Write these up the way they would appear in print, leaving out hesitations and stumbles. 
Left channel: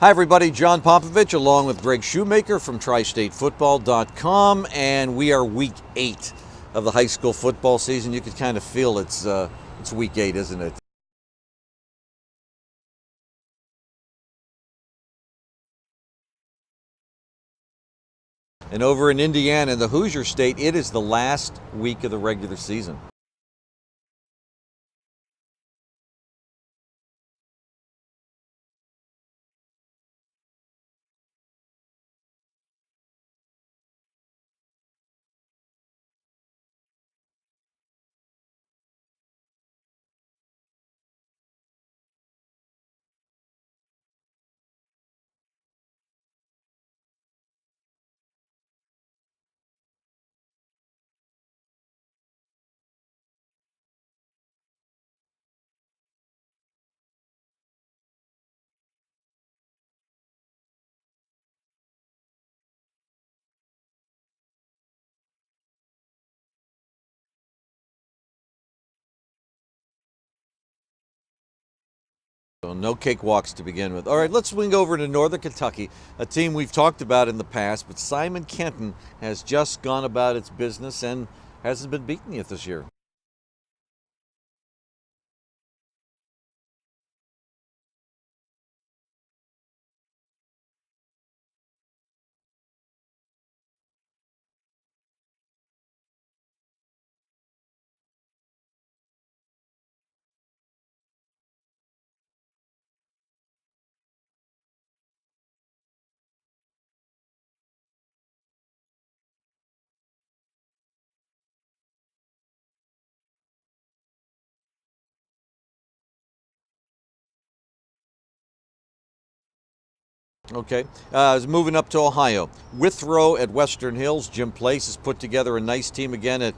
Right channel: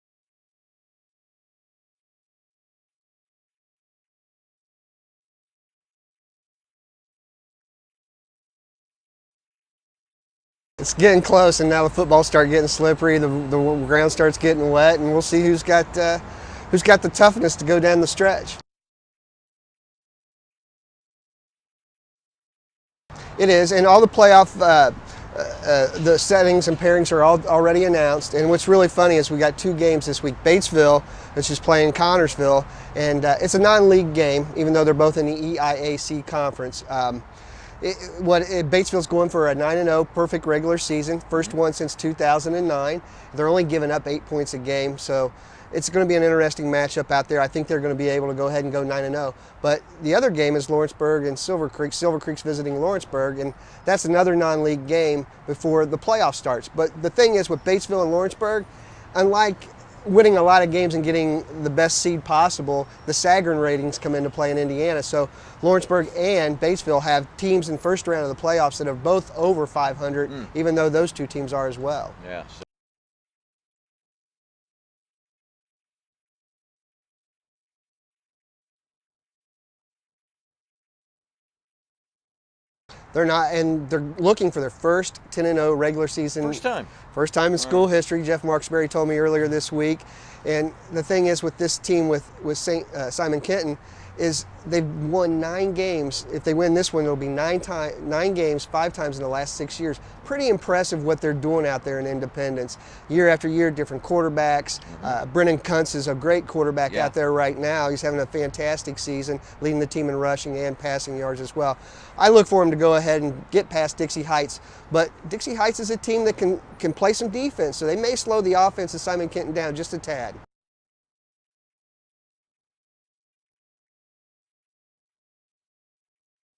Hi everybody, John Popovich along with Greg Shoemaker from TristateFootball.com, and we are week 8 of the high school football season. You can kind of feel it's week 8, isn't it? It's getting close, and now the football starts getting slippery, the ground starts getting wet, and we'll see who's got the toughness to go down the stretch. And over in Indiana, in the Hoosier State, it is the last week of the regular season. It is, and all the playoff the settings and pairings are all already announced. And what's really funny is we got 2 games this week. Batesville, which is playing Connorsville, and it's a non-league game, even though they're both in the EIAC conference. Batesville's going for a 9-0 perfect regular season, first one since 2009. They're only giving up 8 points a game, so it's going to be an interesting matchup out there. I think they're going to be able to go ahead and go 9-0. But the other game is Lawrenceburg and Silver Creek. Silver Creek's visiting Lawrenceburg, and that's another non-league game before the playoff starts. But the thing is, with Batesville and Lawrenceburg, unlike winning a lot of games and getting the best seed possible, the Sagarin ratings come into play in Indiana. So Lawrenceburg and Batesville have teams in first round of the playoffs that are both over 500, even though those 2 teams are as well. Yeah, so no cakewalks to begin with. All right, let's swing over to Northern Kentucky, a team we've talked about in the past, but Simon Kenton has just gone about its business and hasn't been beaten yet this year. They're not, and they're looking for their first 10-0 regular season. First time in school history. Jeff Marksberry told me earlier this week. And the thing is with this team with Simon Kenton is they've won 9 games. If they win this one, it'll be 9 games, 5 times in the last 6 years. Pretty impressive what they're doing out there in Independence. Year after year, different quarterbacks. Brennan Kuntz is a great quarterback out there right now. He's having a fantastic season, leading the team in rushing and passing yards as well. I look for him to go ahead and get past Dixie Heights, but Dixie Heights is a team that can play some defense, so they may slow the offense of Simon Kenton down just a tad. Okay, moving up to Ohio. Withrow at Western Hills. Jim Place has put together a nice team again at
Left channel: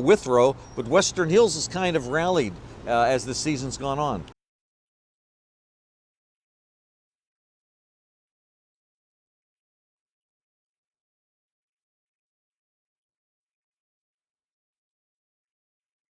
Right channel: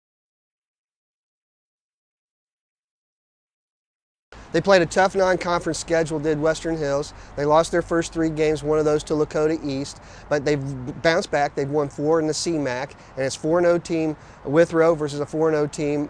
Withrow, but Western Hills has kind of rallied as the season's gone on. They played a tough non-conference schedule, did Western Hills. They lost their first 3 games, one of those to Lakota East, but they've bounced back. They've won 4 in the CMAC, and it's 4-0 team Withrow versus a 4-0 team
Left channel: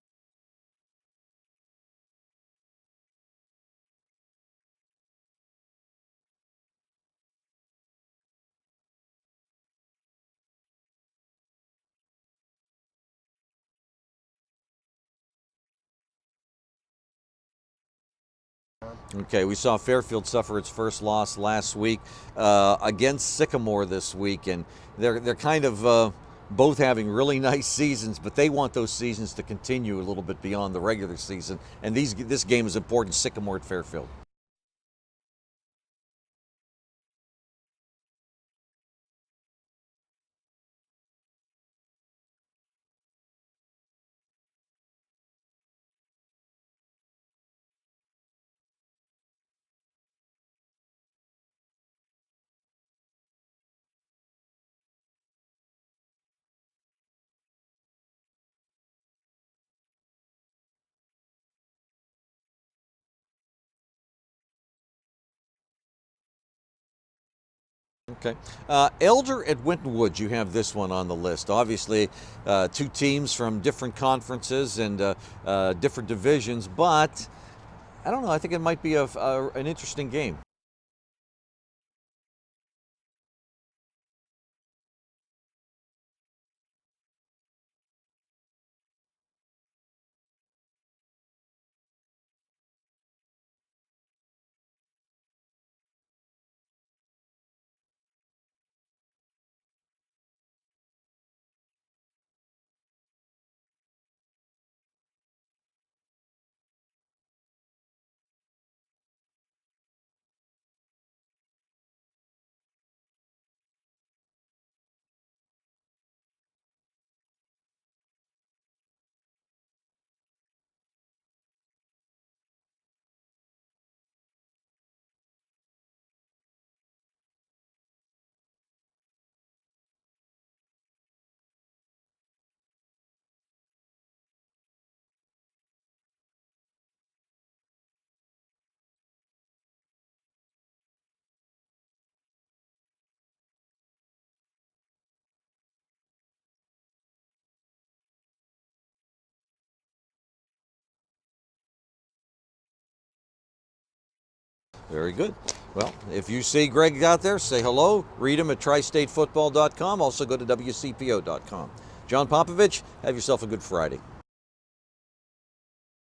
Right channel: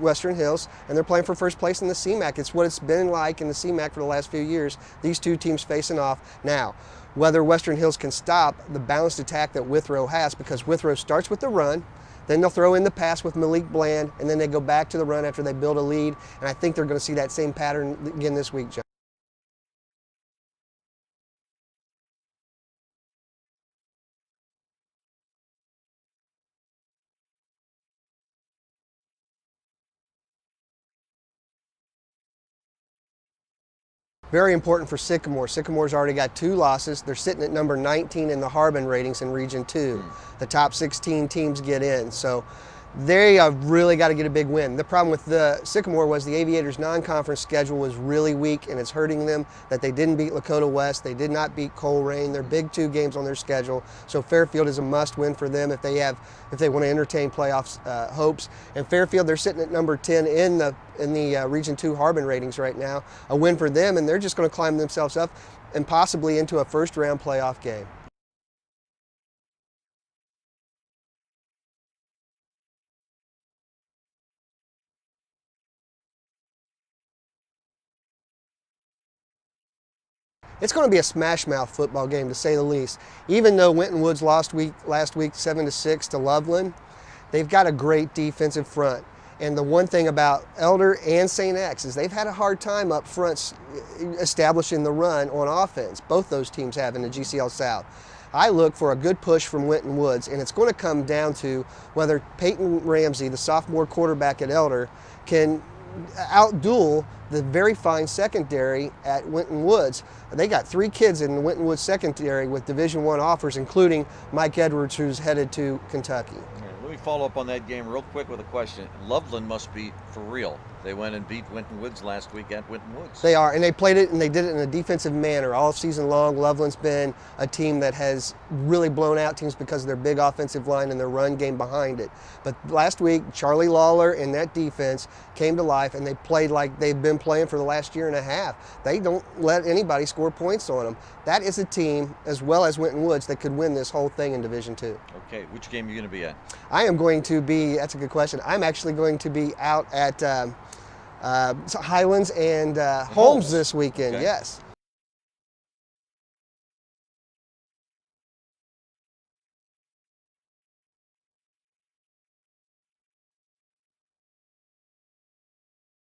Western Hills, and they're playing for first place in the CMAC. It's what it's been like in the CMAC for the last few years, these 2 teams facing off. Now, whether Western Hills can stop the balanced attack that Withrow has, because Withrow starts with the run, then they'll throw in the pass with Malik Bland, and then they go back to the run after they build a lead. And I think they're going to see that same pattern again this week, John. Okay, we saw Fairfield suffer its first loss last week against Sycamore this week, and they're kind of both having really nice seasons, but they want those seasons to continue a little bit beyond the regular season. And this game is important, Sycamore at Fairfield. Very important for Sycamore. Sycamore's already got 2 losses. They're sitting at number 19 in the Harbin ratings in Region 2. The top 16 teams get in. So they have really got to get a big win. The problem with the Sycamore was the Aviators' non-conference schedule was really weak, and it's hurting them that they didn't beat Lakota West. They did not beat Colerain. They're big 2 games on their schedule. So Fairfield is a must-win for them if they want to entertain playoffs hopes. And Fairfield, they're sitting at number 10 in the Region 2 Harbin ratings right now. A win for them, and they're just going to climb themselves up and possibly into a first-round playoff game. Okay. Elder at Winton Woods, you have this one on the list. Obviously, 2 teams from different conferences and different divisions, but I don't know, I think it might be an interesting game. It's going to be a smash-mouth football game, to say the least. Even though Winton Woods last week 7-6 to Loveland, they've got a great defensive front. And the one thing about Elder and St. X is they've had a hard time up front establishing the run on offense. Both those teams have in the GCL South. I look for a good push from Winton Woods, and it's going to come down to whether Peyton Ramsey, the sophomore quarterback at Elder, can outduel the very fine secondary at Winton Woods. They got 3 kids in the Winton Woods secondary with Division I offers, including Mike Edwards, who's headed to Kentucky. Let me follow up on that game real quick with a question. Loveland must be for real. They went and beat Winton Woods last week at Winton Woods. They are, and they played it, and they did it in a defensive manner all season long. Loveland's been a team that has really blown out teams because of their big offensive line and their run game behind it. But last week, Charlie Lawler and that defense came to life, and they played like they've been playing for the last year and a half. They don't let anybody score points on them. That is a team, as well as Winton Woods, that could win this whole thing in Division II. Okay, which game are you going to be at? I am going to be, that's a good question, I'm actually going to be out at Highlands and Holmes this weekend, okay. Yes. Very good. Well, if you see Greg out there, say hello. Read him at tristatefootball.com. Also go to WCPO.com. John Popovich, have yourself a good Friday.